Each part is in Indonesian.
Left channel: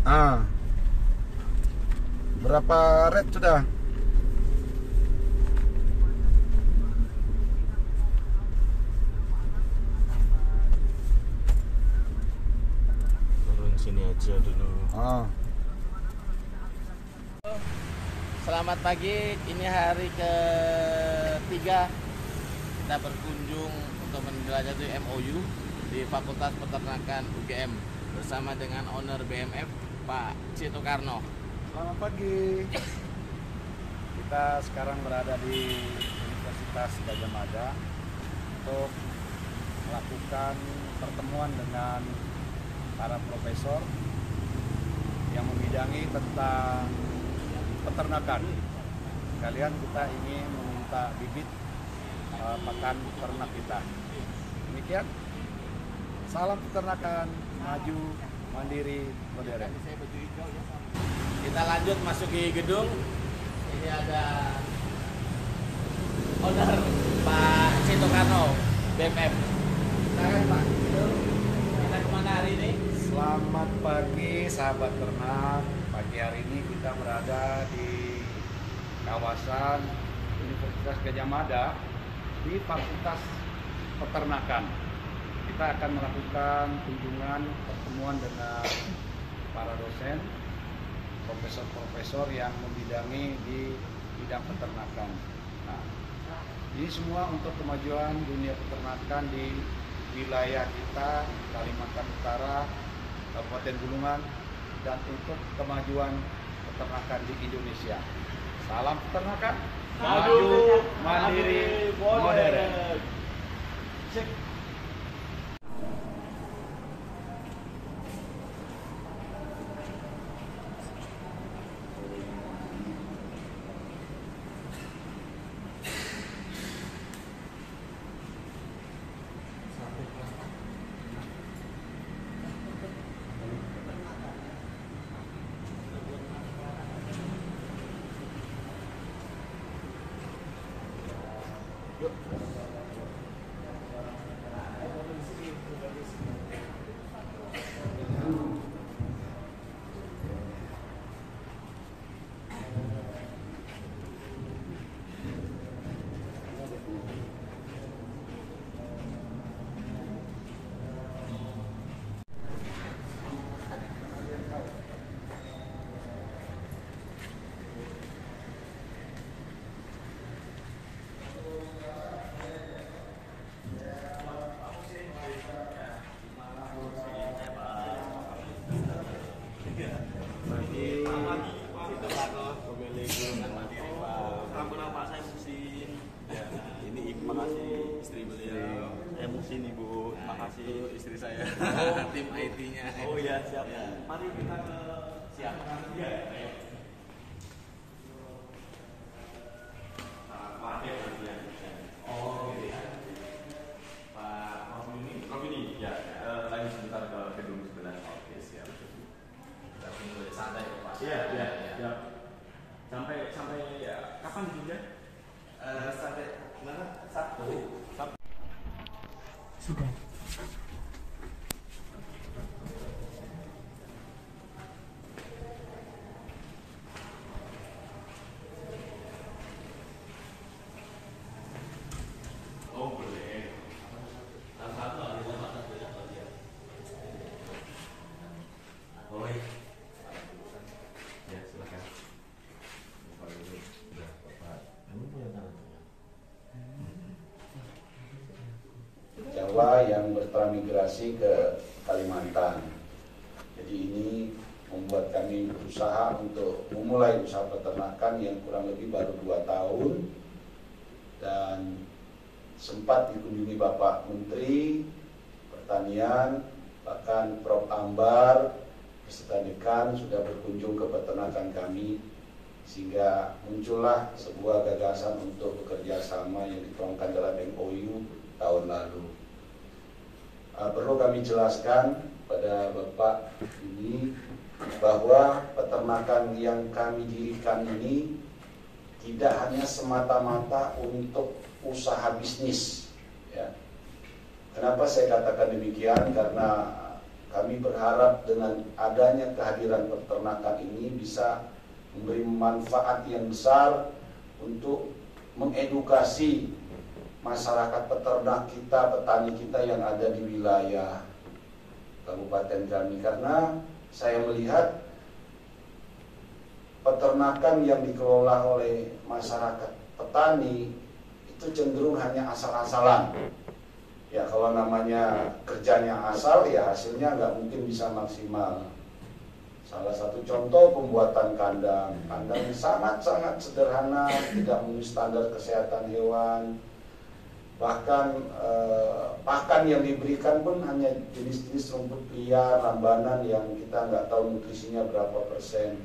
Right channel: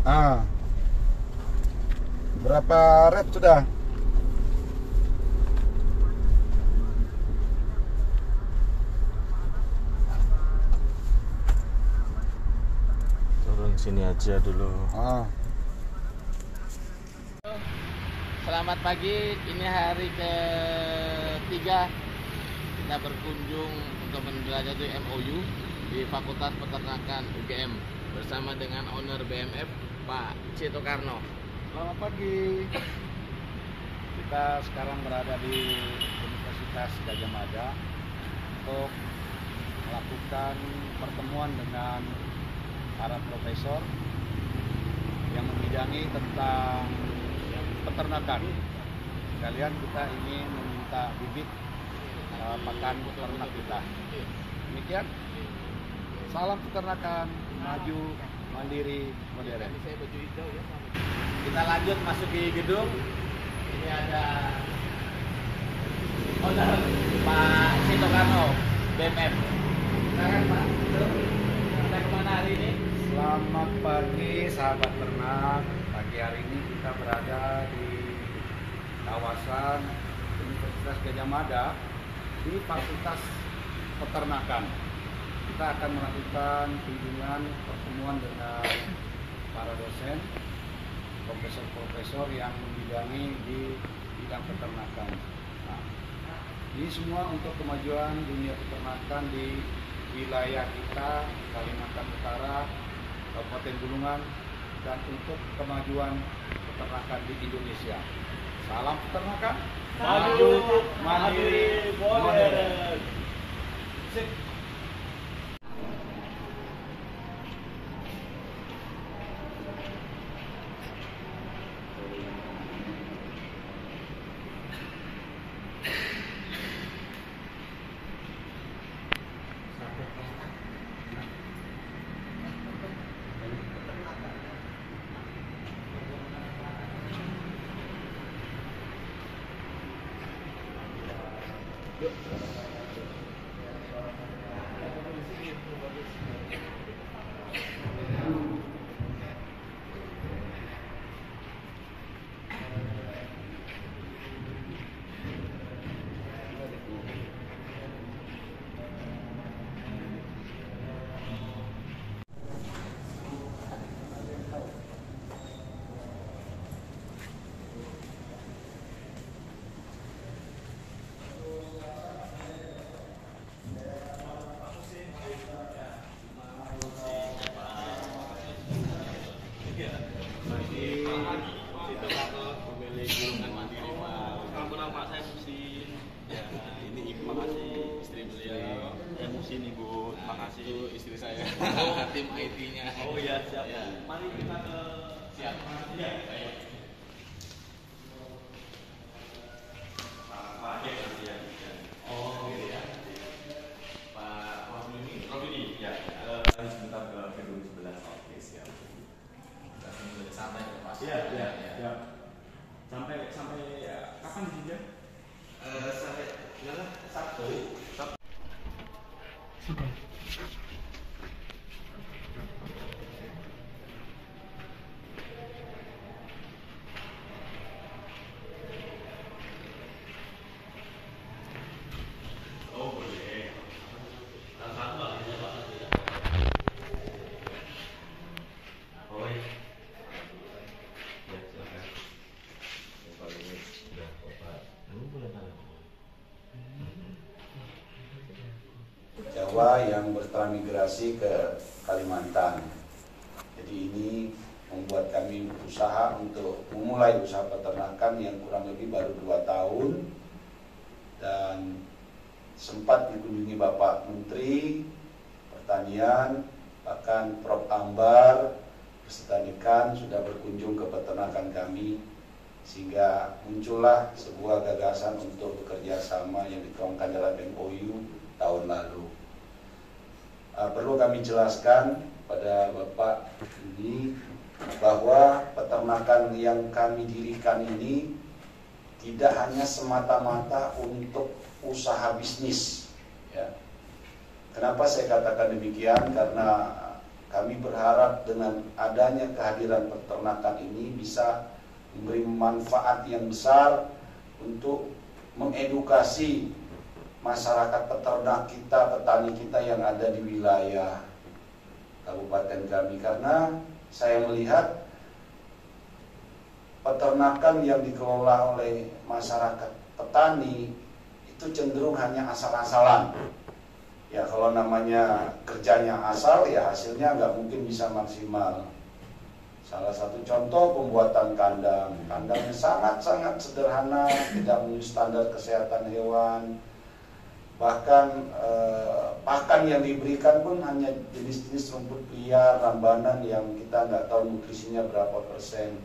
Ah, berapa red sudah? Turun sini aja dulu. Oh. Selamat pagi, ini hari ketiga kita berkunjung untuk menjelajahi MOU di Fakultas Peternakan UGM bersama dengan owner BMF Pak Cito Karno. Selamat pagi. Kita sekarang berada di Universitas Gadjah Mada untuk melakukan pertemuan dengan para profesor yang membidangi tentang peternakan. Sekalian kita ingin meminta bibit pakan ternak kita. Demikian. Salam peternakan, maju, mandiri, modern. Kita lanjut masuk di gedung. Ini ada owner Pak Cito Karno BMF. Silakan Pak Cito. Kita kemana hari ini? Selamat pagi sahabat ternak. Pagi hari ini kita berada di kawasan Universitas Gadjah Mada di Fakultas Peternakan. Kita akan melakukan kunjungan pertemuan dengan para dosen, profesor-profesor yang membidangi di bidang peternakan. Nah, ini semua untuk kemajuan dunia peternakan di wilayah kita, Kalimantan Utara, Kabupaten Bulungan, dan untuk kemajuan peternakan di Indonesia. Salam peternakan, maju, mandiri, modern. Ibu, makasih istri saya, tim IT-nya. Oh ya siap. Ya. Mari kita ke siap. Ya. Oh gitu ya. Pak Robini, ya. Ayo sebentar ke gedung sebelah. Oke siap. Kita tunggu santai ya Pak. Iya. Ya. Sampai ya, kapan juga? Sampai Sabtu. Sudah. Oh boleh. Satu aja Pak. Oh ya. Ya silakan. Kalau ini sudah Bapak. Kamu boleh tahu. Jawa yang bertransmigrasi ke Kalimantan. Jadi ini membuat kami berusaha untuk memulai usaha peternakan yang kurang lebih baru 2 tahun, dan sempat dikunjungi Bapak Menteri Pertanian, bahkan Prof. Ambar beserta dekan sudah berkunjung ke peternakan kami, sehingga muncullah sebuah gagasan untuk bekerja sama yang dituangkan dalam MOU tahun lalu. Perlu kami jelaskan pada Bapak ini bahwa peternakan yang kami dirikan ini tidak hanya semata-mata untuk usaha bisnis. Ya. Kenapa saya katakan demikian? Karena kami berharap dengan adanya kehadiran peternakan ini bisa memberi manfaat yang besar untuk mengedukasi masyarakat peternak kita, petani kita yang ada di wilayah kabupaten kami. Karena saya melihat peternakan yang dikelola oleh masyarakat petani itu cenderung hanya asal-asalan. Ya kalau namanya kerjanya asal, ya hasilnya nggak mungkin bisa maksimal. Salah satu contoh pembuatan kandang. Kandangnya sangat-sangat sederhana, tidak memenuhi standar kesehatan hewan. Bahkan pakan yang diberikan pun hanya jenis-jenis rumput liar, rambanan yang kita nggak tahu nutrisinya berapa persen.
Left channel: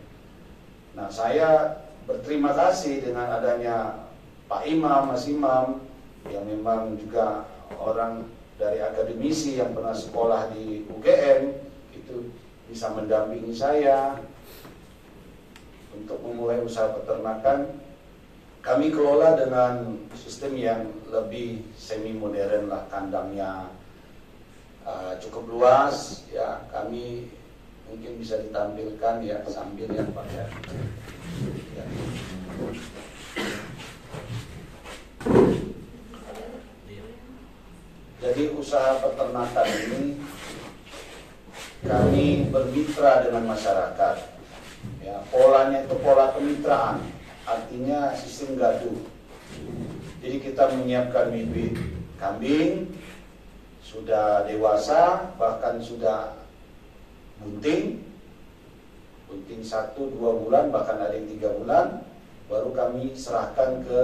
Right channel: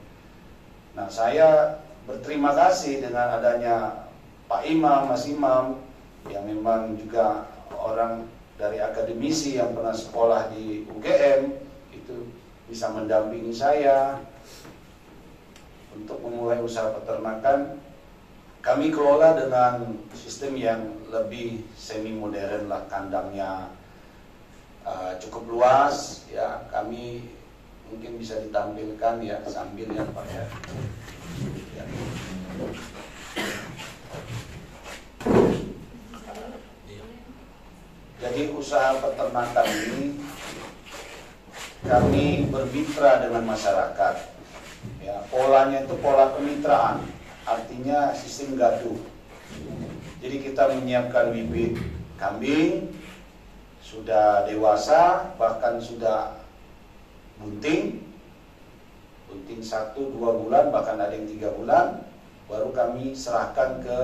Nah, saya berterima kasih dengan adanya Pak Imam, Mas Imam, yang memang juga orang dari akademisi yang pernah sekolah di UGM, itu bisa mendampingi saya untuk memulai usaha peternakan. Kami kelola dengan sistem yang lebih semi modern lah, kandangnya cukup luas ya. Kami mungkin bisa ditampilkan ya sambil ya Pak ya. Jadi usaha peternakan ini kami bermitra dengan masyarakat. Ya, polanya itu pola kemitraan, artinya sistem gaduh. Jadi kita menyiapkan bibit kambing sudah dewasa, bahkan sudah bunting 1-2 bulan, bahkan ada yang 3 bulan, baru kami serahkan ke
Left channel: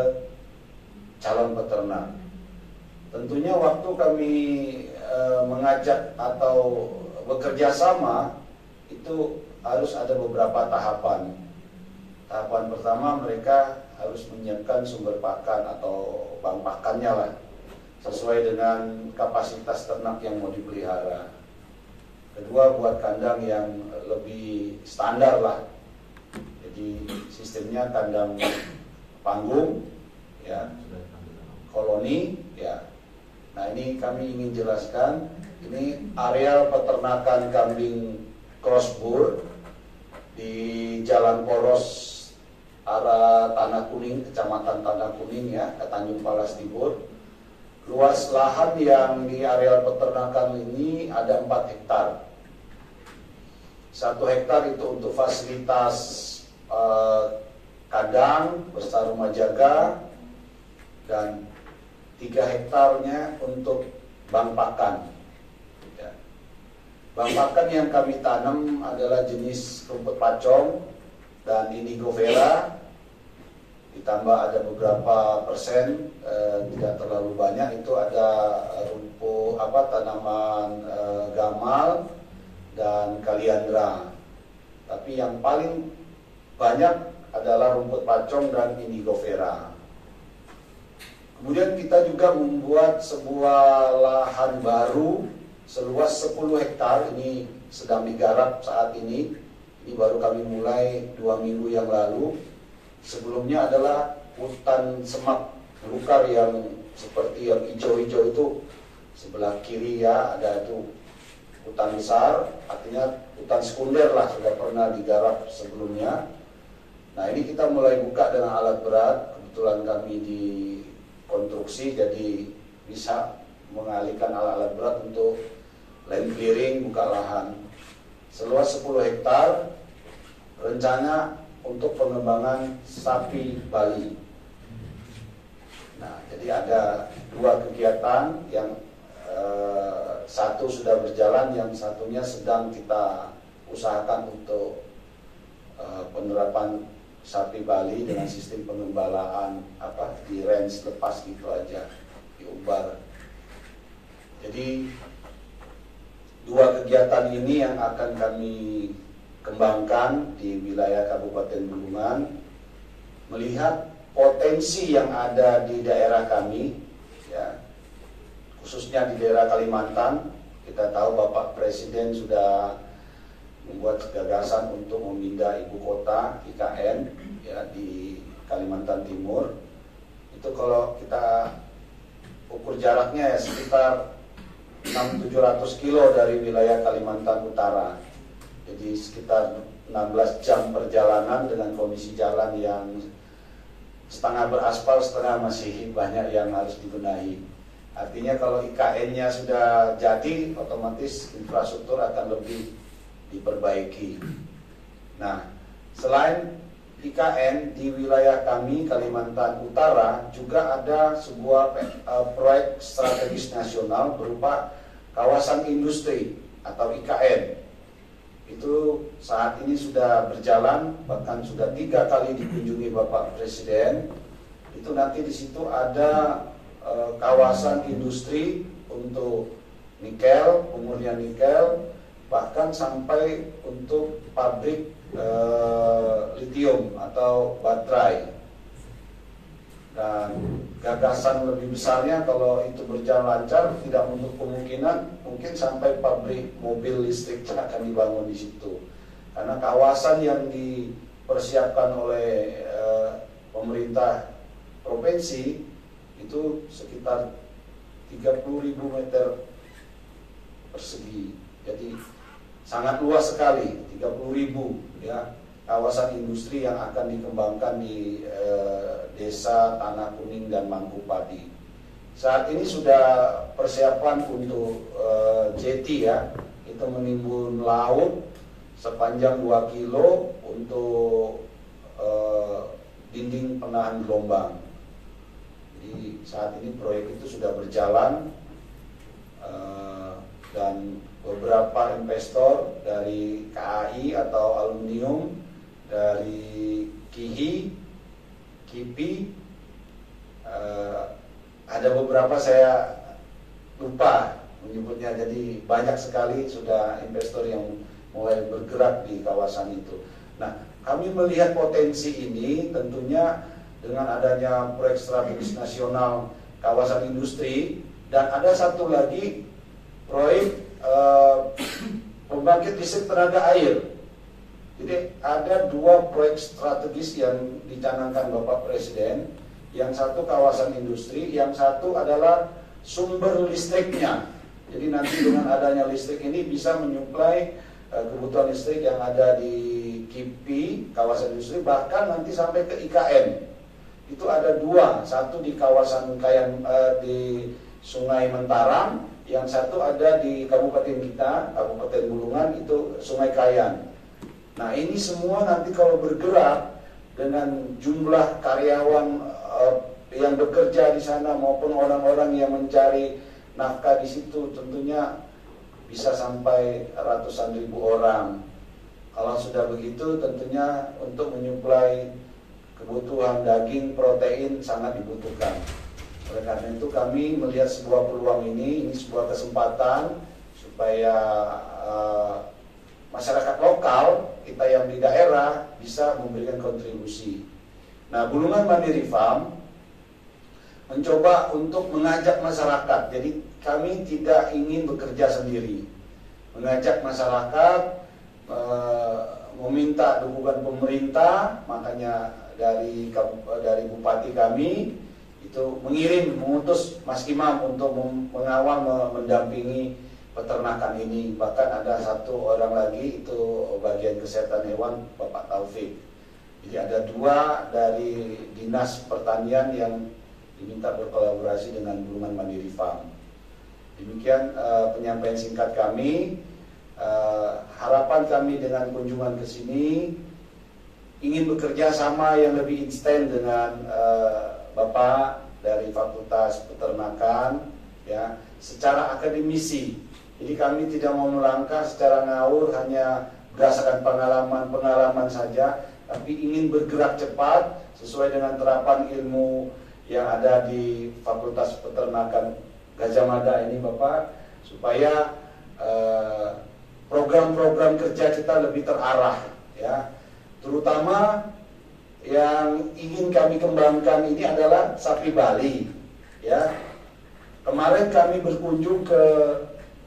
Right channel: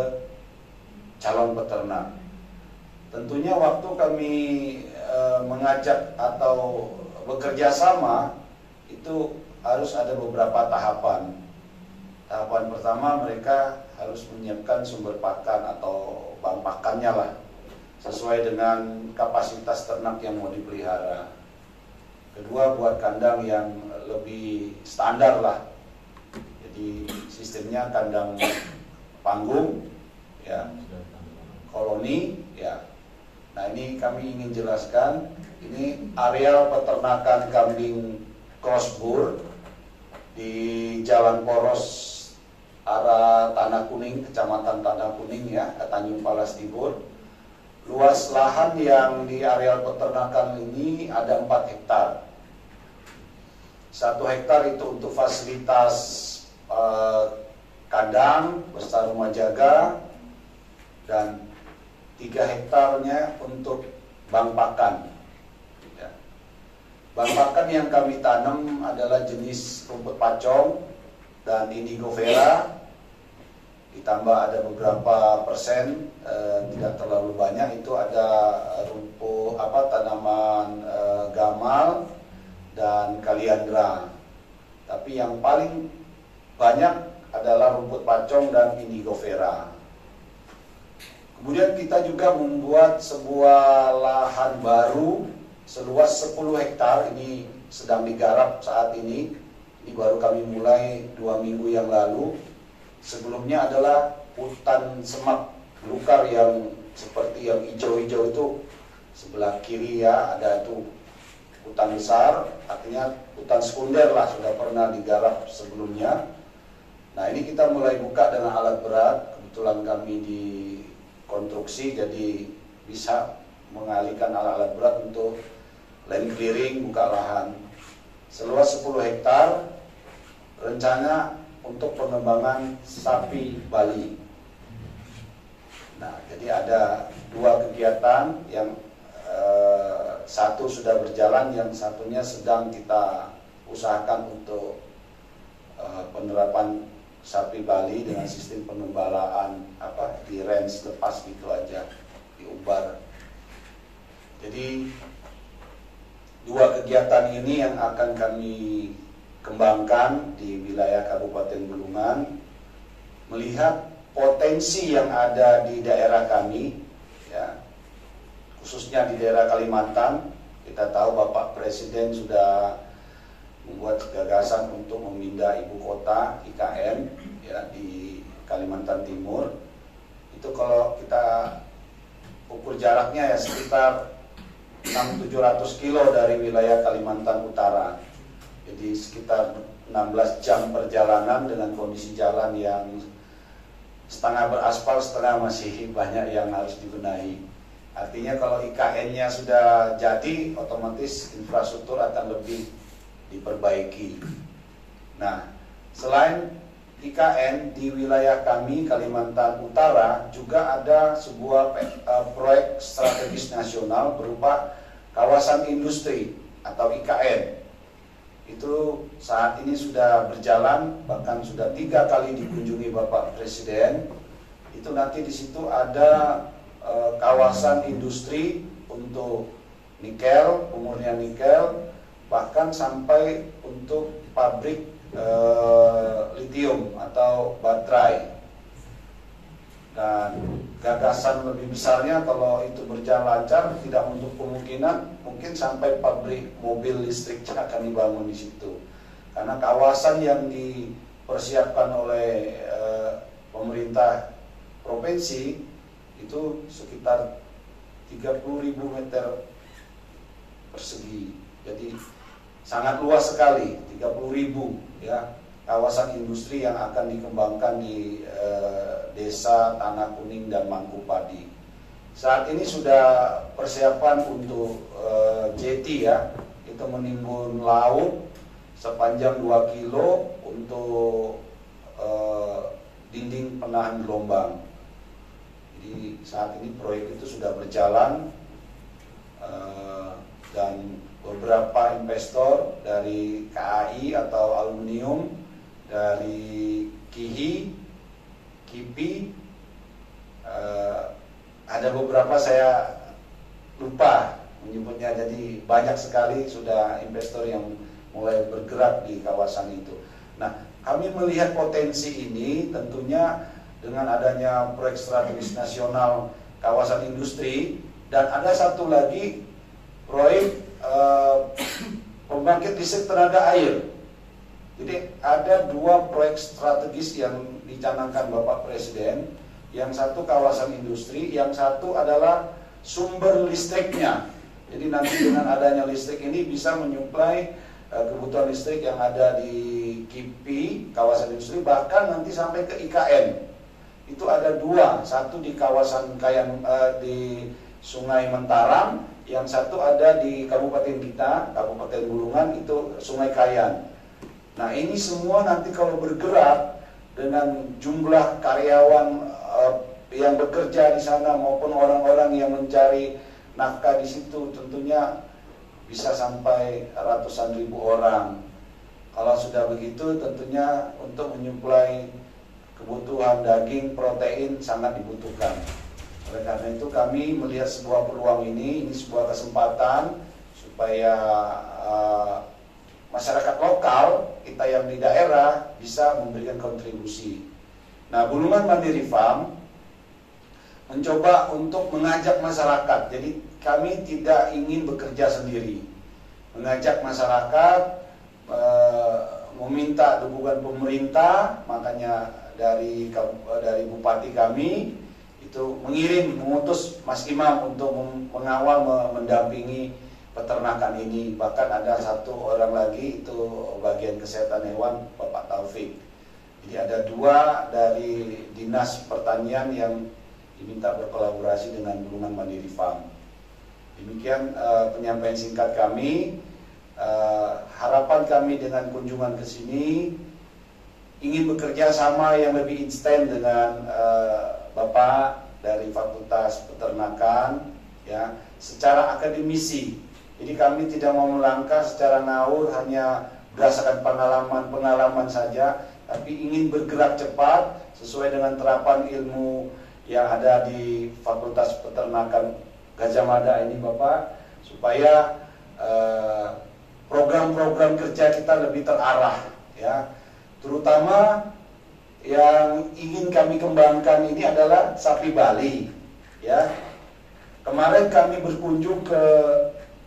calon peternak. Tentunya waktu kami mengajak atau bekerja sama itu harus ada beberapa tahapan. Tahapan pertama, mereka harus menyiapkan sumber pakan atau bahan pakannya lah, sesuai dengan kapasitas ternak yang mau dipelihara. Kedua, buat kandang yang lebih standar lah. Jadi sistemnya kandang panggung, ya, koloni, ya. Nah ini kami ingin jelaskan, ini areal peternakan kambing crossbur di Jalan Poros arah Tanah Kuning, Kecamatan Tanah Kuning ya, ke Tanjung Palas Timur. Luas lahan yang di areal peternakan ini ada 4 hektar. 1 hektar itu untuk fasilitas kandang beserta rumah jaga, dan 3 hektarnya untuk bank pakan. Ya. Bank pakan yang kami tanam adalah jenis rumput pacong dan indigo vera, ditambah ada beberapa persen, tidak terlalu banyak, itu ada rumput tanaman gamal dan kaliandra. Tapi yang paling banyak adalah rumput pacong dan indigo vera. Kemudian kita juga membuat sebuah lahan baru seluas 10 hektar, ini sedang digarap saat ini. Ini baru kami mulai 2 minggu yang lalu. Sebelumnya adalah hutan semak belukar yang seperti yang hijau-hijau itu. Sebelah kiri ya ada itu hutan besar, artinya hutan sekunder lah, sudah pernah digarap sebelumnya. Nah ini kita mulai buka dengan alat berat. Kebetulan kami di konstruksi, jadi bisa mengalihkan alat-alat berat untuk land clearing, buka lahan seluas 10 hektar. Rencana untuk pengembangan sapi Bali. Nah, jadi ada 2 kegiatan, yang satu sudah berjalan, yang satunya sedang kita usahakan untuk penerapan sapi Bali dengan sistem pengembalaan di range lepas gitu aja, diubar. Jadi 2 kegiatan ini yang akan kami kembangkan di wilayah Kabupaten Bulungan, melihat potensi yang ada di daerah kami, ya, khususnya di daerah Kalimantan. Kita tahu Bapak Presiden sudah membuat gagasan untuk memindah ibu kota IKN ya di Kalimantan Timur. Itu kalau kita ukur jaraknya ya sekitar 600-700 kilo dari wilayah Kalimantan Utara. Jadi sekitar 16 jam perjalanan dengan kondisi jalan yang setengah beraspal, setengah masih banyak yang harus dibenahi. Artinya kalau IKN-nya sudah jadi, otomatis infrastruktur akan lebih diperbaiki. Nah, selain IKN di wilayah kami Kalimantan Utara juga ada sebuah proyek strategis nasional berupa kawasan industri atau IKN. Itu saat ini sudah berjalan, bahkan sudah 3 kali dikunjungi Bapak Presiden. Itu nanti di situ ada kawasan industri untuk nikel, pemurnian nikel, bahkan sampai untuk pabrik lithium atau baterai. Dan gagasan lebih besarnya kalau itu berjalan lancar, tidak untuk kemungkinan mungkin sampai pabrik mobil listrik akan dibangun di situ. Karena kawasan yang dipersiapkan oleh pemerintah provinsi itu sekitar 30.000 meter persegi. Jadi sangat luas sekali, 30.000 ya, kawasan industri yang akan dikembangkan di desa Tanah Kuning dan Mangkupadi. Saat ini sudah persiapan untuk jeti ya, itu menimbun laut sepanjang 2 kilo untuk dinding penahan gelombang. Jadi saat ini proyek itu sudah berjalan dan beberapa investor dari KAI atau aluminium, dari KIHI, KIPI, ada beberapa saya lupa menyebutnya, jadi banyak sekali sudah investor yang mulai bergerak di kawasan itu. Nah, kami melihat potensi ini tentunya dengan adanya proyek strategis nasional kawasan industri, dan ada satu lagi proyek pembangkit listrik tenaga air. Jadi ada 2 proyek strategis yang dicanangkan Bapak Presiden. Yang satu kawasan industri, yang satu adalah sumber listriknya. Jadi nanti dengan adanya listrik ini bisa menyuplai kebutuhan listrik yang ada di KIPI, kawasan industri, bahkan nanti sampai ke IKN. Itu ada 2, satu di kawasan di Sungai Mentarang, yang satu ada di kabupaten kita, Kabupaten Bulungan, itu Sungai Kayan. Nah, ini semua nanti kalau bergerak dengan jumlah karyawan yang bekerja di sana maupun orang-orang yang mencari nafkah di situ, tentunya bisa sampai ratusan ribu orang. Kalau sudah begitu, tentunya untuk menyuplai kebutuhan daging, protein sangat dibutuhkan. Oleh karena itu kami melihat sebuah peluang ini sebuah kesempatan supaya masyarakat lokal kita yang di daerah bisa memberikan kontribusi. Nah, Bulungan Mandiri Farm mencoba untuk mengajak masyarakat. Jadi kami tidak ingin bekerja sendiri, mengajak masyarakat, meminta dukungan pemerintah. Makanya dari bupati kami itu mengutus Mas Imam untuk mengawal, mendampingi peternakan ini. Bahkan ada satu orang lagi, itu bagian kesehatan hewan, Bapak Taufik. Jadi ada 2 dari Dinas Pertanian yang diminta berkolaborasi dengan Bulungan Mandiri Farm. Demikian penyampaian singkat kami. Harapan kami dengan kunjungan ke sini ingin bekerja sama yang lebih instan dengan Bapak dari Fakultas Peternakan ya, secara akademisi. Jadi kami tidak mau melangkah secara ngawur hanya berdasarkan pengalaman saja, tapi ingin bergerak cepat sesuai dengan terapan ilmu yang ada di Fakultas Peternakan Gajah Mada ini Bapak, supaya program-program kerja kita lebih terarah ya. Terutama yang ingin kami kembangkan ini adalah sapi Bali ya. Kemarin kami berkunjung ke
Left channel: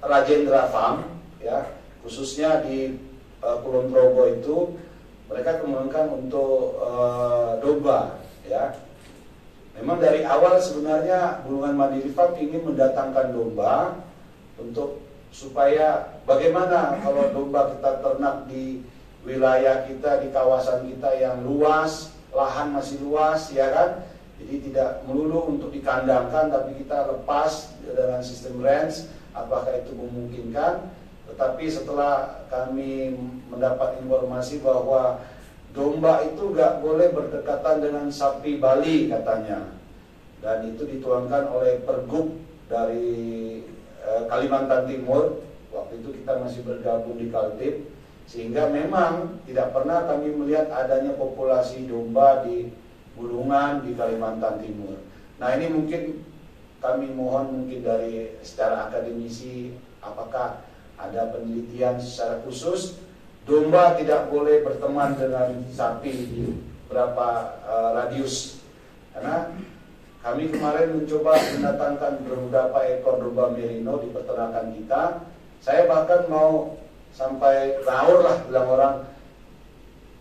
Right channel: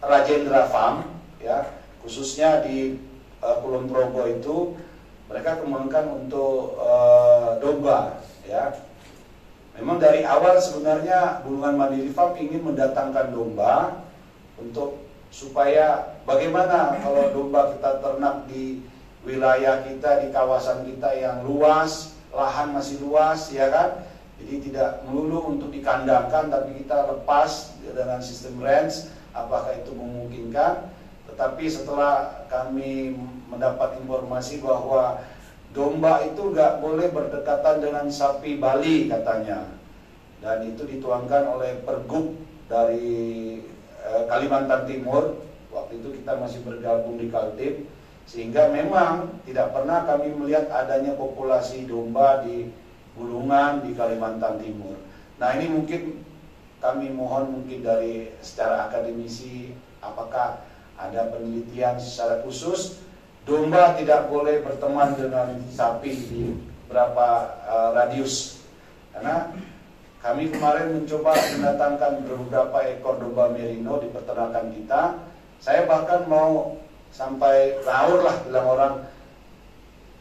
Rajendra Farm ya, khususnya di Kulon Progo itu mereka kembangkan untuk domba ya. Memang dari awal sebenarnya Bulungan Mandiri Farm ingin mendatangkan domba, untuk supaya bagaimana kalau domba kita ternak di wilayah kita, di kawasan kita yang luas, lahan masih luas, ya kan? Jadi tidak melulu untuk dikandangkan, tapi kita lepas dengan sistem range, apakah itu memungkinkan? Tetapi setelah kami mendapat informasi bahwa domba itu nggak boleh berdekatan dengan sapi Bali katanya, dan itu dituangkan oleh Pergub dari Kalimantan Timur. Waktu itu kita masih bergabung di Kaltim, sehingga memang tidak pernah kami melihat adanya populasi domba di Bulungan di Kalimantan Timur. Nah ini mungkin kami mohon mungkin dari secara akademisi, apakah ada penelitian secara khusus domba tidak boleh berteman dengan sapi di berapa radius, karena kami kemarin mencoba mendatangkan beberapa ekor domba merino di peternakan kita. Saya bahkan mau sampai raur lah, bilang orang,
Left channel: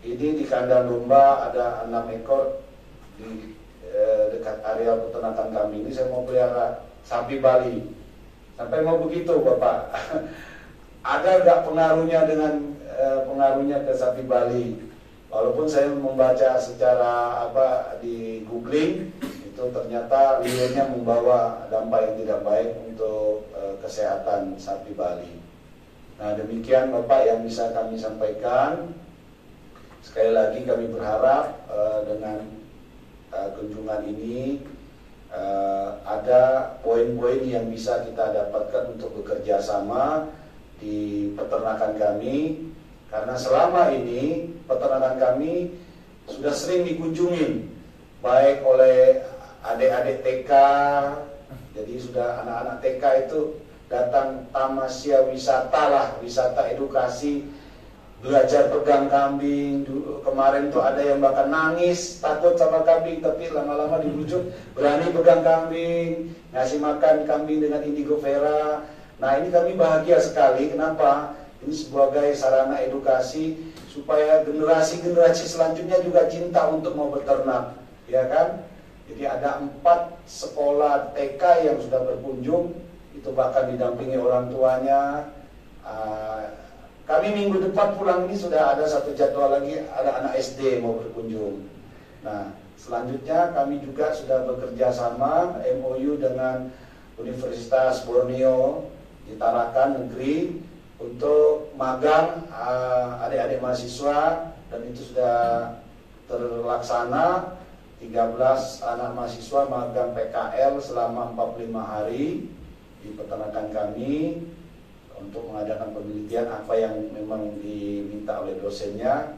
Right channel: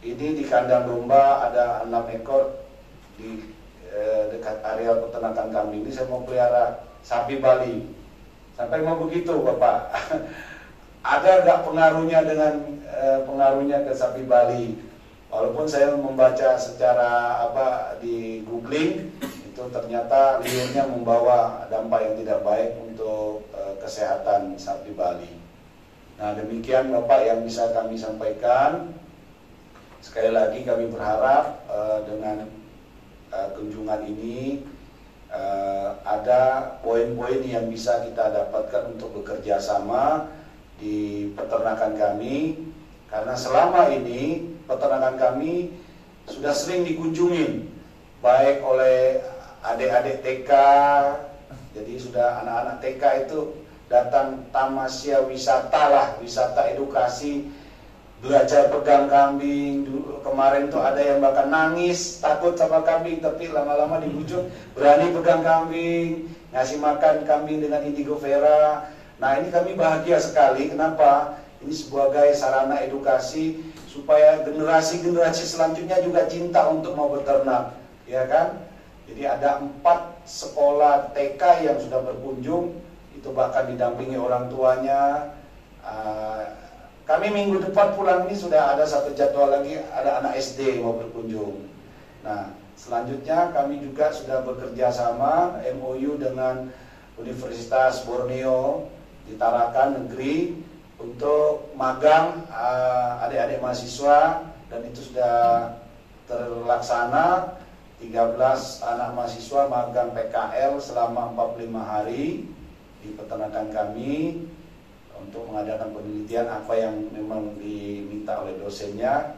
ini di kandang domba ada 6 ekor di dekat area peternakan kami ini, saya mau pelihara sapi Bali. Sampai mau begitu Bapak. Ada nggak pengaruhnya dengan pengaruhnya ke sapi Bali? Walaupun saya membaca secara di googling, itu ternyata liurnya membawa dampak yang tidak baik untuk kesehatan sapi Bali. Nah demikian Bapak yang bisa kami sampaikan. Sekali lagi kami berharap dengan kunjungan ini ada poin-poin yang bisa kita dapatkan untuk bekerja sama di peternakan kami, karena selama ini peternakan kami sudah sering dikunjungin baik oleh adik-adik TK. Jadi sudah anak-anak TK itu datang tamasya wisata lah, wisata edukasi, belajar pegang kambing. Kemarin tuh ada yang bahkan nangis takut sama kambing, tapi lama-lama dibujuk berani pegang kambing, ngasih makan kambing dengan indigo vera. Nah ini kami bahagia sekali. Kenapa? Ini sebagai sarana edukasi supaya generasi-generasi selanjutnya juga cinta untuk mau beternak, ya kan? Jadi ada 4 sekolah TK yang sudah berkunjung, itu bahkan didampingi orang tuanya. Kami minggu depan pulang ini sudah ada 1 jadwal lagi, ada anak SD mau berkunjung. Nah selanjutnya kami juga sudah bekerja sama MOU dengan Universitas Borneo di Tarakan negeri untuk magang adik-adik mahasiswa, dan itu sudah terlaksana. 13 anak mahasiswa magang PKL selama 45 hari di peternakan kami untuk mengadakan penelitian apa yang memang diminta oleh dosennya.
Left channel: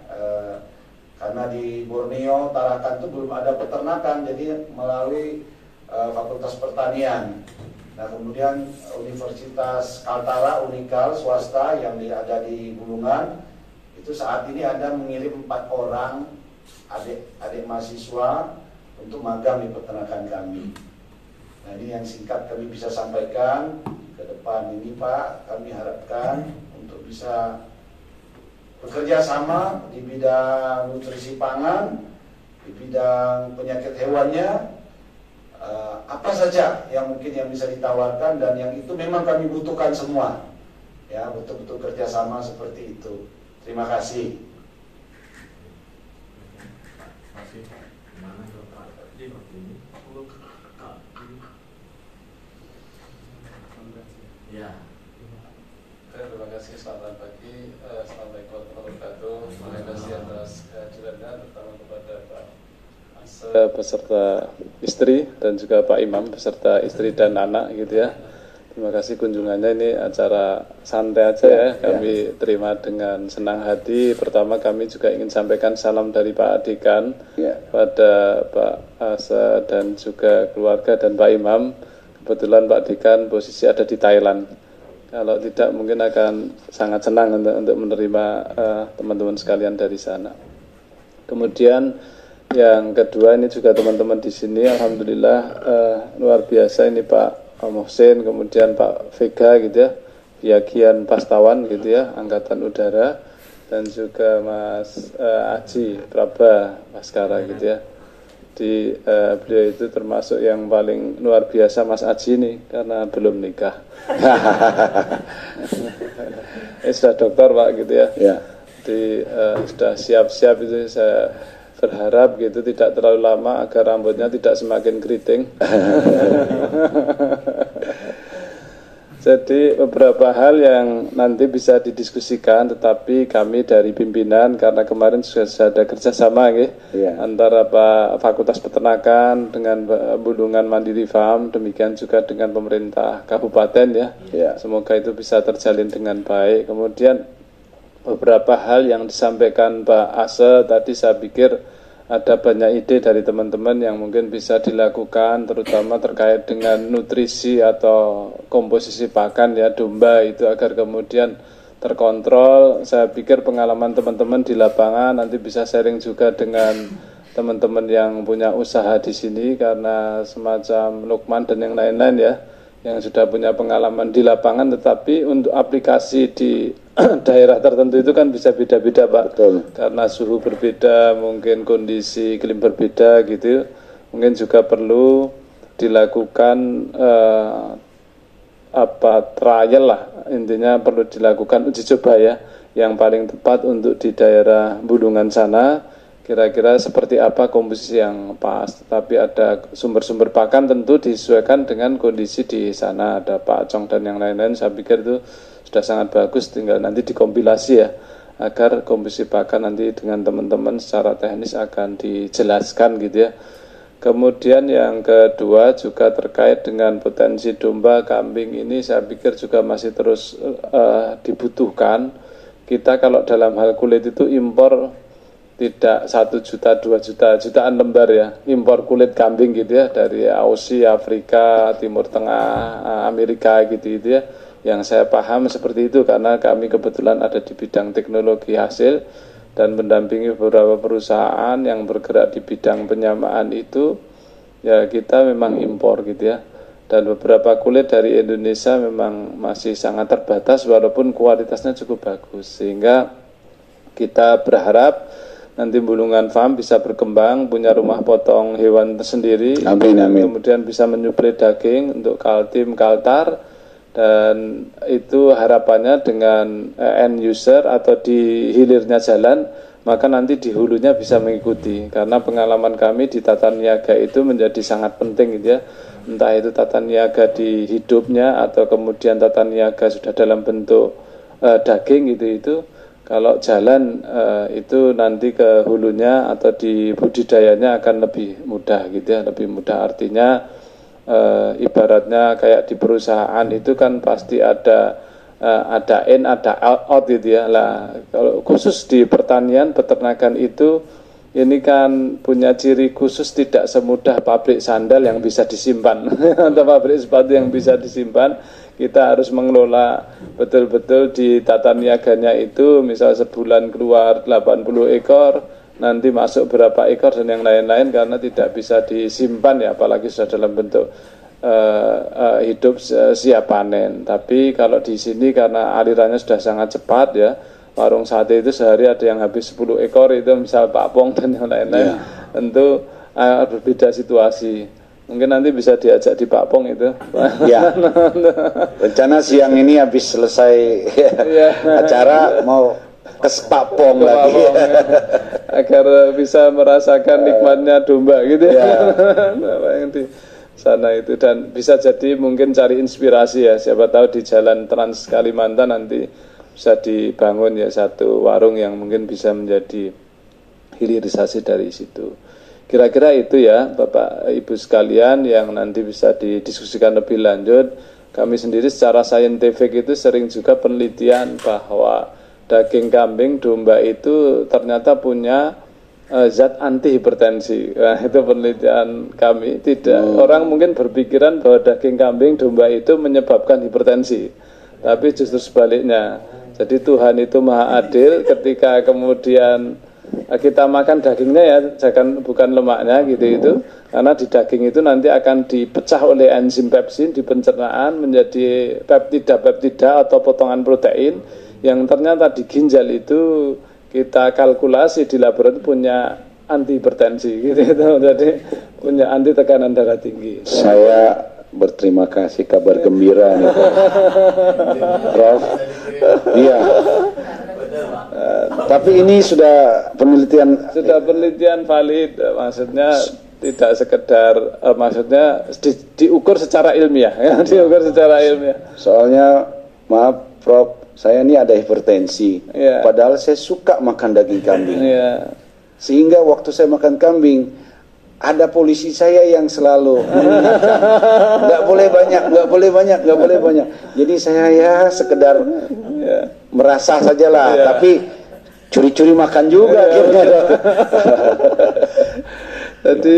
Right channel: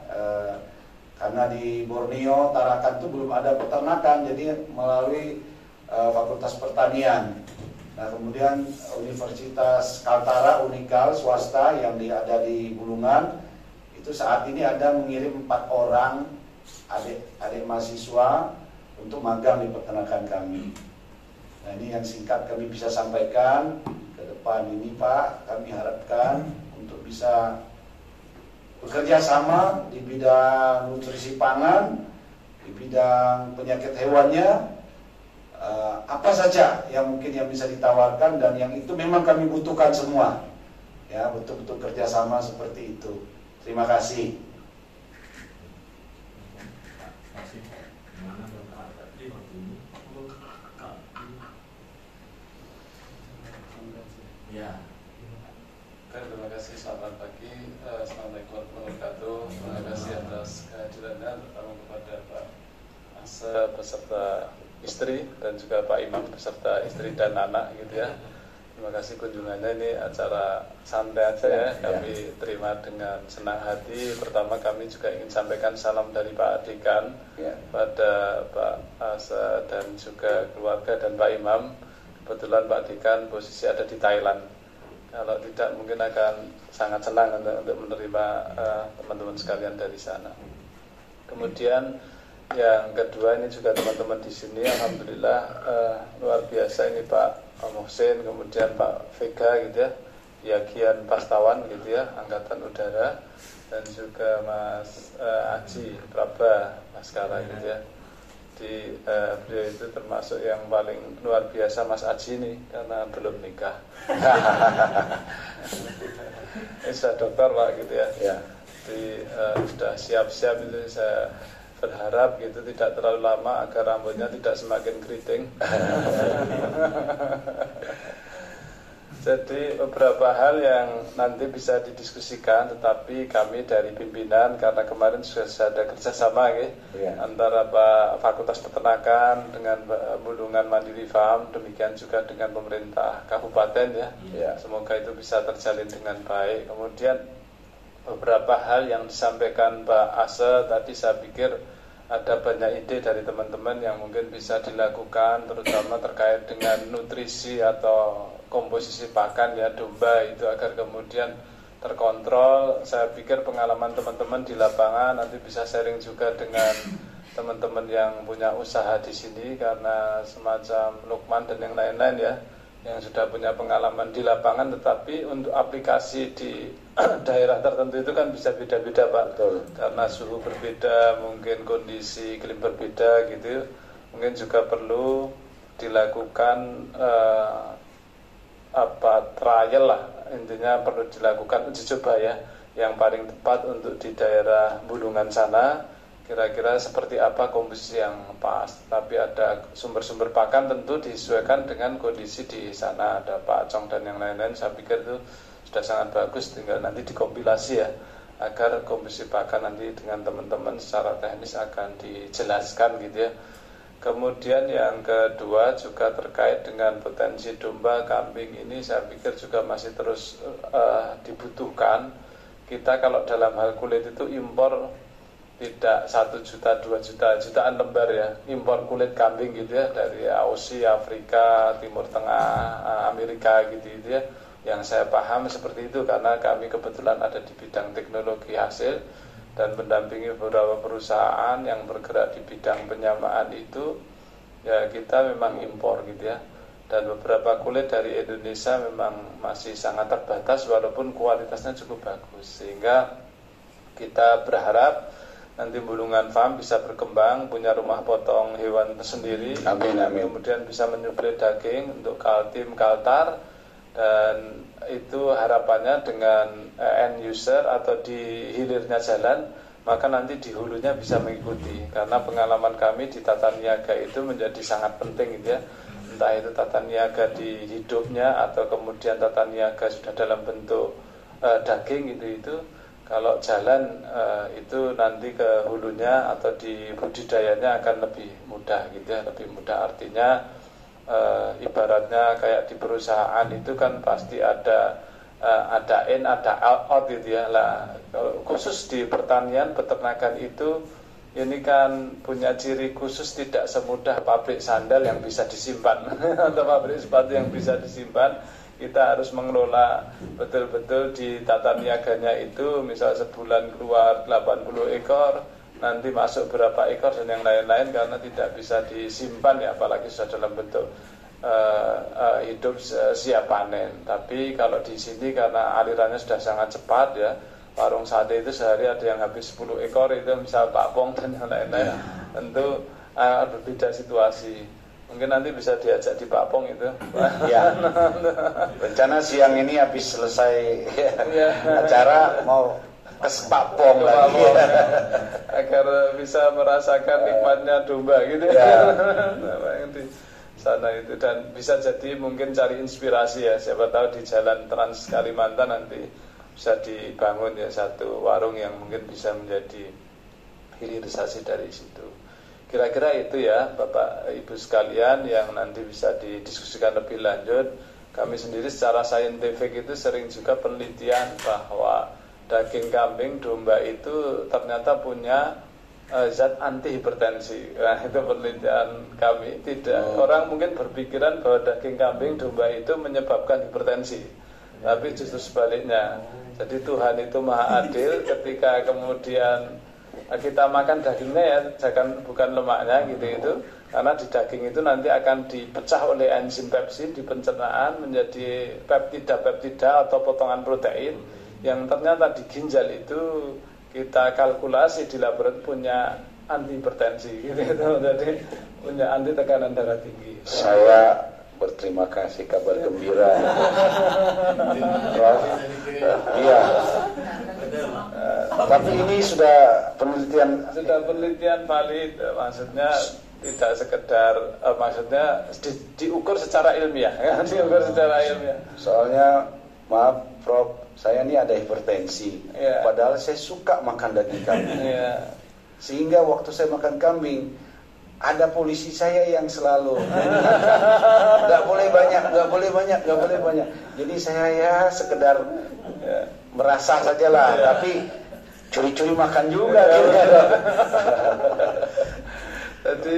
Karena di Borneo, Tarakan itu belum ada peternakan, jadi melalui Fakultas Pertanian. Nah kemudian Universitas Kaltara, Unikal, swasta yang ada di Bulungan, itu saat ini ada mengirim 4 orang adik mahasiswa untuk magang di peternakan kami. Nah ini yang singkat kami bisa sampaikan. Ke depan ini Pak, kami harapkan untuk bisa bekerja sama di bidang nutrisi pangan, di bidang penyakit hewannya. Apa saja yang mungkin yang bisa ditawarkan, dan yang itu memang kami butuhkan semua, ya betul-betul kerjasama seperti itu. Terima kasih. Ya. Terima kasih, selamat pagi. Assalamualaikum warahmatullahi wabarakatuh. Terima kasih atas kehadirannya, terutama kepada Pak beserta istri dan juga Pak Imam beserta istri dan anak gitu ya. Terima kasih kunjungannya, ini acara santai aja ya, kami terima dengan senang hati. Pertama kami juga ingin sampaikan salam dari Pak Dekan pada Pak Asa dan juga keluarga dan Pak Imam. Kebetulan Pak Dekan posisi ada di Thailand. Kalau tidak mungkin akan sangat senang untuk menerima teman-teman sekalian dari sana. Kemudian yang kedua ini juga teman-teman di sini, alhamdulillah luar biasa ini Pak Mohsin, kemudian Pak Vega gitu ya, Bagian Pastawan gitu ya, Angkatan Udara, dan juga Mas Aji Praba Baskara gitu ya. Di beliau itu termasuk yang paling luar biasa Mas Aji nih, karena belum nikah. Sudah dokter Pak gitu ya. Ya. Sudah siap-siap itu, saya berharap gitu tidak terlalu lama agar rambutnya tidak semakin keriting. Jadi beberapa hal yang nanti bisa didiskusikan, tetapi kami dari pimpinan, karena kemarin sudah ada kerjasama antara Fakultas Peternakan dengan Bulungan Mandiri Farm, demikian juga dengan pemerintah kabupaten ya. Semoga itu bisa terjalin dengan baik. Kemudian beberapa hal yang disampaikan Pak Ase tadi, saya pikir ada banyak ide dari teman-teman yang mungkin bisa dilakukan, terutama terkait dengan nutrisi atau komposisi pakan ya domba itu, agar kemudian terkontrol. Saya pikir pengalaman teman-teman di lapangan nanti bisa sharing juga dengan teman-teman yang punya usaha di sini, karena semacam Lukman dan yang lain-lain ya, yang sudah punya pengalaman di lapangan, tetapi untuk aplikasi di daerah tertentu itu kan bisa beda-beda Pak. Betul. Karena suhu berbeda, mungkin kondisi iklim berbeda gitu, mungkin juga perlu dilakukan trial lah, intinya perlu dilakukan uji coba ya, yang paling tepat untuk di daerah Bulungan sana, kira-kira seperti apa komposisi yang pas. Tapi ada sumber-sumber pakan tentu disesuaikan dengan kondisi di sana, ada Pak Acong dan yang lain-lain. Saya pikir itu sudah sangat bagus, tinggal nanti dikompilasi ya, agar komposisi pakan nanti dengan teman-teman secara teknis akan dijelaskan gitu ya. Kemudian yang kedua juga terkait dengan potensi domba, kambing, ini saya pikir juga masih terus dibutuhkan. Kita kalau dalam hal kulit itu impor tidak 1 juta, 2 juta, jutaan lembar ya, impor kulit kambing gitu ya, dari Aussie, Afrika, Timur Tengah, Amerika gitu ya. Yang saya paham seperti itu, karena kami kebetulan ada di bidang teknologi hasil dan mendampingi beberapa perusahaan yang bergerak di bidang penyamaan itu, ya kita memang impor gitu ya. Dan beberapa kulit dari Indonesia memang masih sangat terbatas walaupun kualitasnya cukup bagus, sehingga kita berharap nanti Bulungan Farm bisa berkembang, punya rumah potong hewan tersendiri. Amin, amin. Kemudian bisa menyuplai daging untuk Kaltim, Kaltar. Dan itu harapannya dengan end user atau di hilirnya jalan, maka nanti di hulunya bisa mengikuti. Karena pengalaman kami di tata niaga itu menjadi sangat penting gitu ya. Entah itu tata niaga di hidupnya atau kemudian tata niaga sudah dalam bentuk daging gitu. Kalau jalan itu nanti ke hulunya atau di budidayanya akan lebih mudah gitu ya, lebih mudah. Artinya ibaratnya kayak di perusahaan itu kan pasti ada in, ada out gitu ya. Lah kalau khusus di pertanian, peternakan itu ini kan punya ciri khusus, tidak semudah pabrik sandal yang bisa disimpan atau pabrik sepatu yang bisa disimpan. Kita harus mengelola betul-betul di tata niaganya itu, misal sebulan keluar 80 ekor, nanti masuk berapa ekor dan yang lain-lain, karena tidak bisa disimpan ya, apalagi sudah dalam bentuk hidup siap panen. Tapi kalau di sini karena alirannya sudah sangat cepat ya, warung sate itu sehari ada yang habis 10 ekor itu, misal Pak Pong dan yang lain-lain, tentu berbeda situasi. Mungkin nanti bisa diajak di Pak Pong itu. Ya. Rencana siang ini habis selesai acara mau ke Pak Pong lagi. Agar bisa merasakan nikmatnya domba gitu ya. Yang di sana itu, dan bisa jadi mungkin cari inspirasi ya. Siapa tahu di jalan Trans Kalimantan nanti bisa dibangun ya satu warung yang mungkin bisa menjadi hilirisasi dari situ. Kira-kira itu ya Bapak Ibu sekalian yang nanti bisa didiskusikan lebih lanjut. Kami sendiri secara saintifik itu sering juga penelitian bahwa daging kambing, domba itu ternyata punya zat anti hipertensi. Nah, itu penelitian kami. Tidak, orang mungkin berpikiran bahwa daging kambing, domba itu menyebabkan hipertensi, tapi justru sebaliknya. Jadi Tuhan itu maha adil, ketika kemudian kita makan dagingnya ya, jangan bukan lemaknya gitu itu, karena di daging itu nanti akan dipecah oleh enzim pepsin di pencernaan menjadi peptida atau potongan protein yang ternyata di ginjal itu kita kalkulasi di laboratorium punya anti hipertensi gitu. Jadi punya anti tekanan darah tinggi. Saya berterima kasih, kabar gembira nih, Prof. Iya. Tapi ini sudah penelitian valid, maksudnya tidak sekedar maksudnya diukur secara ilmiah ya, diukur secara ilmiah. Soalnya maaf Prof, saya ini ada hipertensi, padahal saya suka makan daging kambing. Sehingga waktu saya makan kambing, ada polisi saya yang selalu mengingatkan, nggak boleh banyak. Jadi saya ya sekedar merasa sajalah, tapi curi-curi makan juga. Jadi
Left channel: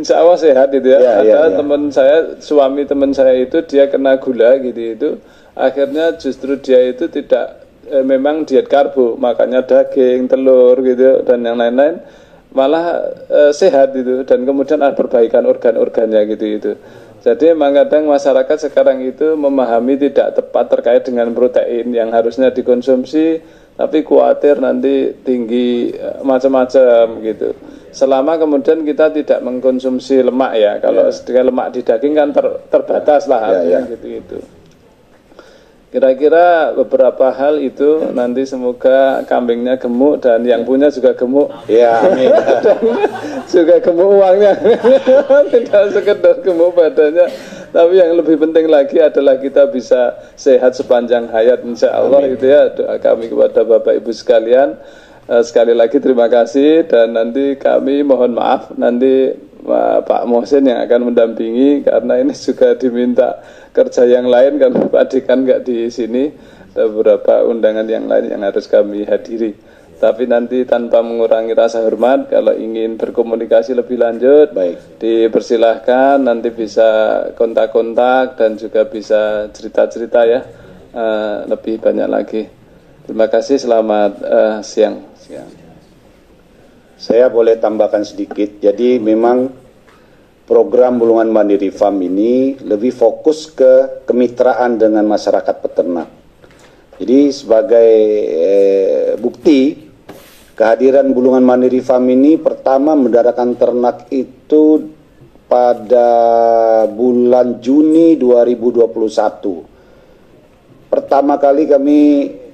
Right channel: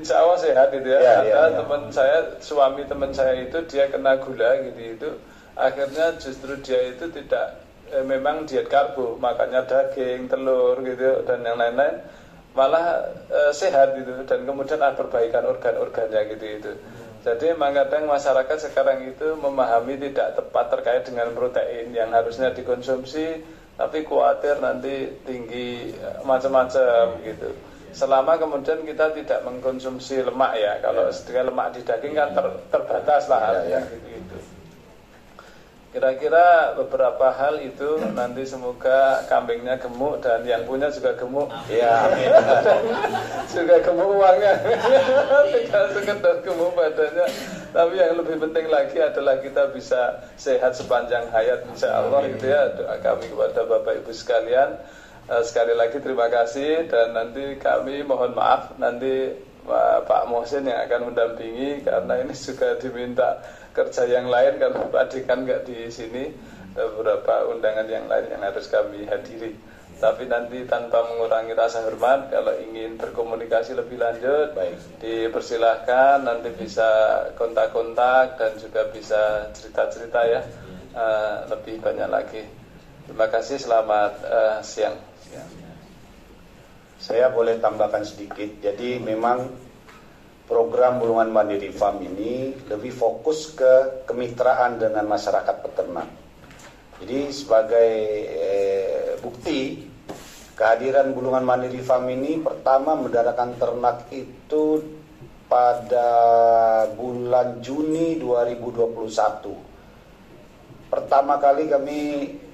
insya Allah sehat itu ya. Ada teman saya, suami teman saya itu dia kena gula gitu itu. Akhirnya justru dia itu tidak memang diet karbo, makannya daging, telur gitu dan yang lain-lain, malah sehat itu, dan kemudian ada perbaikan organ-organnya gitu itu. Jadi memang kadang masyarakat sekarang itu memahami tidak tepat terkait dengan protein yang harusnya dikonsumsi, tapi khawatir nanti tinggi macam-macam gitu. Selama kemudian kita tidak mengkonsumsi lemak ya, kalau lemak di daging kan terbatas lah gitu. Kira-kira beberapa hal itu nanti semoga kambingnya gemuk dan yang punya juga gemuk. Ya, amin. Juga gemuk uangnya. Tidak sekedar gemuk badannya, tapi yang lebih penting lagi adalah kita bisa sehat sepanjang hayat insya Allah gitu ya. Doa kami kepada Bapak Ibu sekalian. Sekali lagi terima kasih, dan nanti kami mohon maaf nanti Pak Mohsin yang akan mendampingi karena ini juga diminta kerja yang lain kan Pak Dekan nggak di sini, ada beberapa undangan yang lain yang harus kami hadiri. Tapi nanti tanpa mengurangi rasa hormat, kalau ingin berkomunikasi lebih lanjut, dipersilahkan, nanti bisa kontak-kontak dan juga bisa cerita-cerita ya, lebih banyak lagi. Terima kasih, selamat siang. Saya boleh tambahkan sedikit. Jadi memang program Bulungan Mandiri Farm ini lebih fokus ke kemitraan dengan masyarakat peternak. Jadi sebagai bukti kehadiran Bulungan Mandiri Farm ini, pertama mendaratkan ternak itu pada bulan Juni 2021. Pertama kali kami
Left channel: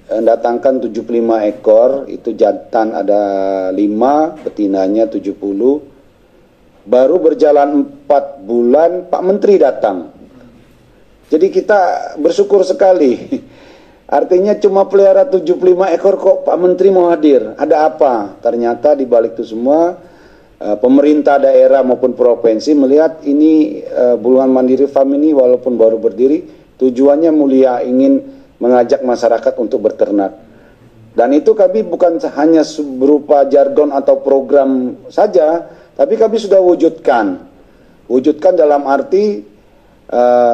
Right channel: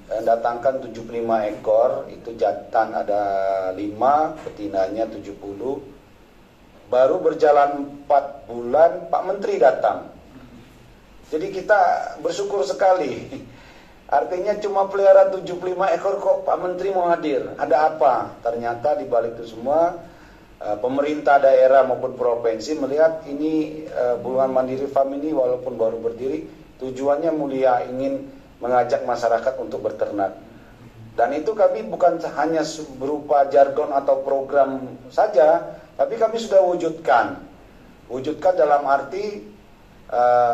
mendatangkan 75 ekor, itu jantan ada 5, betinanya 70. Baru berjalan 4 bulan Pak Menteri datang. Jadi kita bersyukur sekali. Artinya cuma pelihara 75 ekor kok Pak Menteri mau hadir. Ada apa? Ternyata di balik itu semua pemerintah daerah maupun provinsi melihat ini Bulungan Mandiri Farm ini walaupun baru berdiri, tujuannya mulia, ingin mengajak masyarakat untuk berternak. Dan itu kami bukan hanya berupa jargon atau program saja, tapi kami sudah wujudkan dalam arti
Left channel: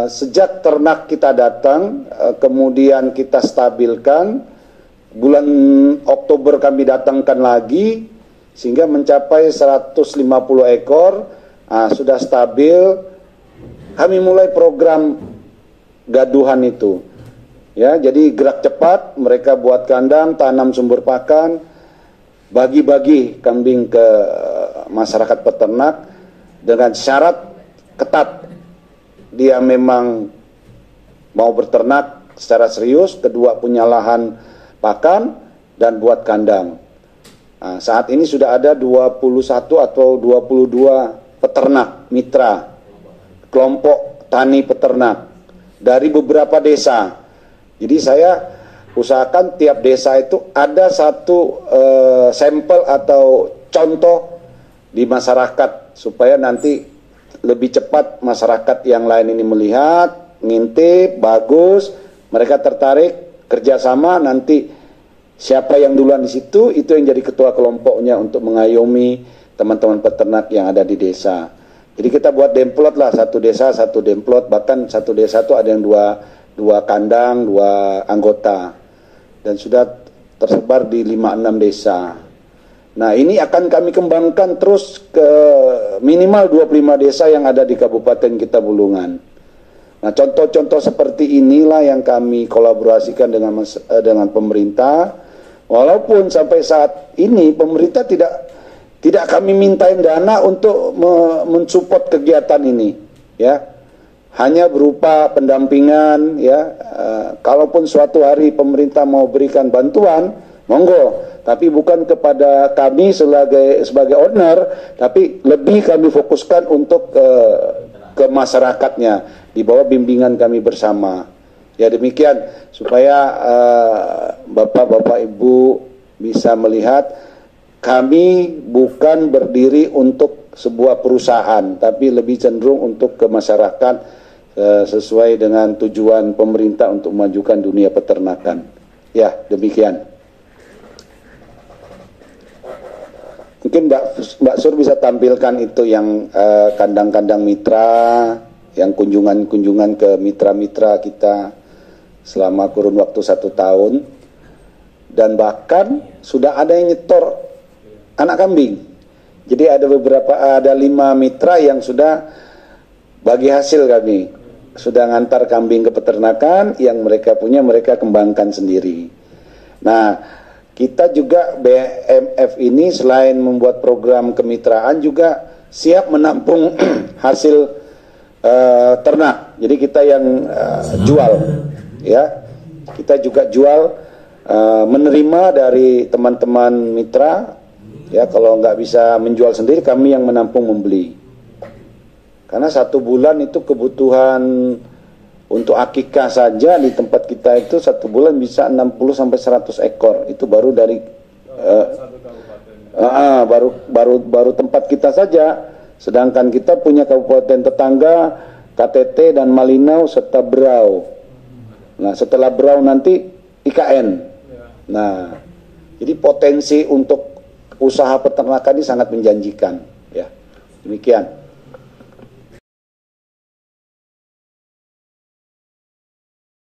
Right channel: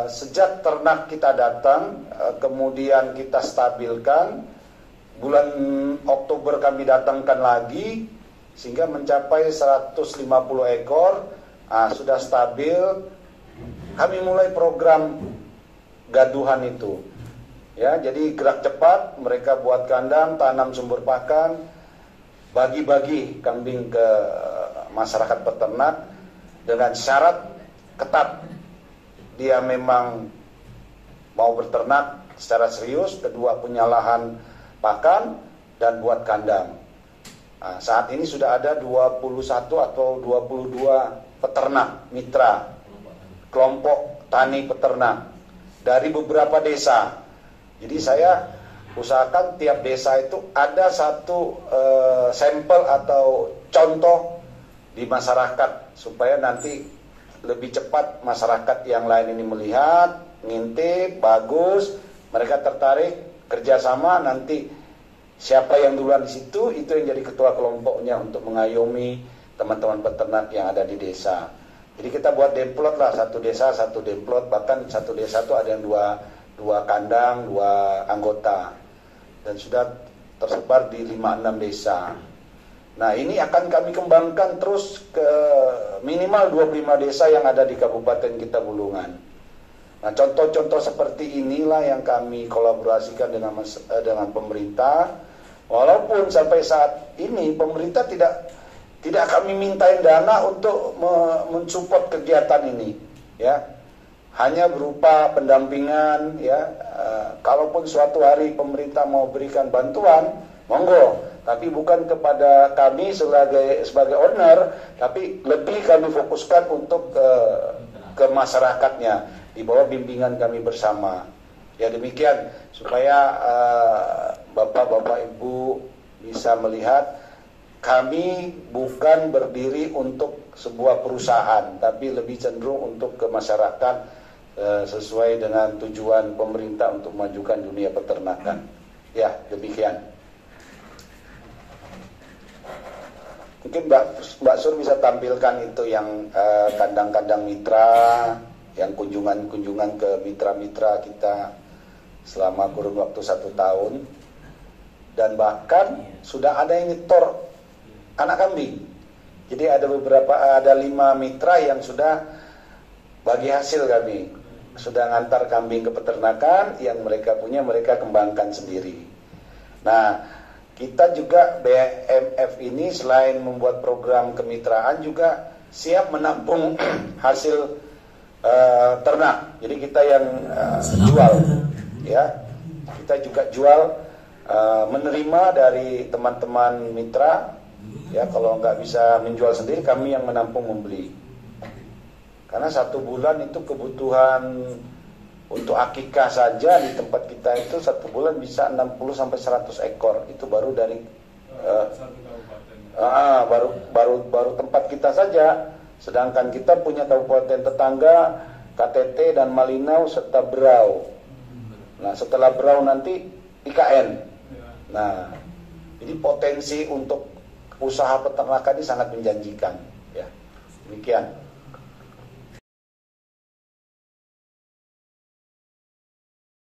sejak ternak kita datang, kemudian kita stabilkan, bulan Oktober kami datangkan lagi, sehingga mencapai 150 ekor, sudah stabil. Kami mulai program gaduhan itu. Ya, jadi gerak cepat, mereka buat kandang, tanam sumber pakan, bagi-bagi kambing ke masyarakat peternak dengan syarat ketat. Dia memang mau berternak secara serius, kedua punya lahan pakan dan buat kandang. Nah, saat ini sudah ada 21 atau 22 peternak mitra, kelompok tani peternak dari beberapa desa. Jadi saya usahakan tiap desa itu ada satu sampel atau contoh di masyarakat, supaya nanti lebih cepat masyarakat yang lain ini melihat, ngintip, bagus, mereka tertarik, kerjasama, nanti siapa yang duluan di situ, itu yang jadi ketua kelompoknya untuk mengayomi teman-teman peternak yang ada di desa. Jadi kita buat demplot lah, satu desa satu demplot, bahkan satu desa itu ada yang dua kandang, 2 anggota, dan sudah tersebar di 5-6 desa. Nah, ini akan kami kembangkan terus ke minimal 25 desa yang ada di kabupaten kita Bulungan. Nah, contoh-contoh seperti inilah yang kami kolaborasikan dengan pemerintah. Walaupun sampai saat ini pemerintah Tidak kami mintain dana untuk mensupport kegiatan ini, ya. Hanya berupa pendampingan, ya. Kalaupun suatu hari pemerintah mau berikan bantuan, monggo. Tapi bukan kepada kami sebagai owner, tapi lebih kami fokuskan untuk ke masyarakatnya di bawah bimbingan kami bersama. Ya demikian supaya Bapak-bapak Ibu bisa melihat kami bukan berdiri untuk sebuah perusahaan, tapi lebih cenderung untuk ke masyarakat sesuai dengan tujuan pemerintah untuk memajukan dunia peternakan. Ya, demikian. Mungkin Mbak Sur bisa tampilkan itu yang kandang-kandang mitra, yang kunjungan-kunjungan ke mitra-mitra kita selama kurun waktu 1 tahun. Dan bahkan sudah ada yang nyetor anak kambing. Jadi ada 5 mitra yang sudah bagi hasil kami. Sudah ngantar kambing ke peternakan, yang mereka punya mereka kembangkan sendiri. Nah, kita juga BMF ini selain membuat program kemitraan juga siap menampung hasil ternak. Jadi kita yang jual, ya. Kita juga jual, menerima dari teman-teman mitra. Ya, kalau nggak bisa menjual sendiri, kami yang menampung membeli. Karena 1 bulan itu kebutuhan untuk akikah saja di tempat kita itu 1 bulan bisa 60 sampai 100 ekor. Itu baru dari baru tempat kita saja. Sedangkan kita punya kabupaten tetangga KTT dan Malinau serta Berau. Nah, setelah Berau nanti IKN. Nah, jadi potensi untuk usaha peternakan ini sangat menjanjikan, ya. Demikian.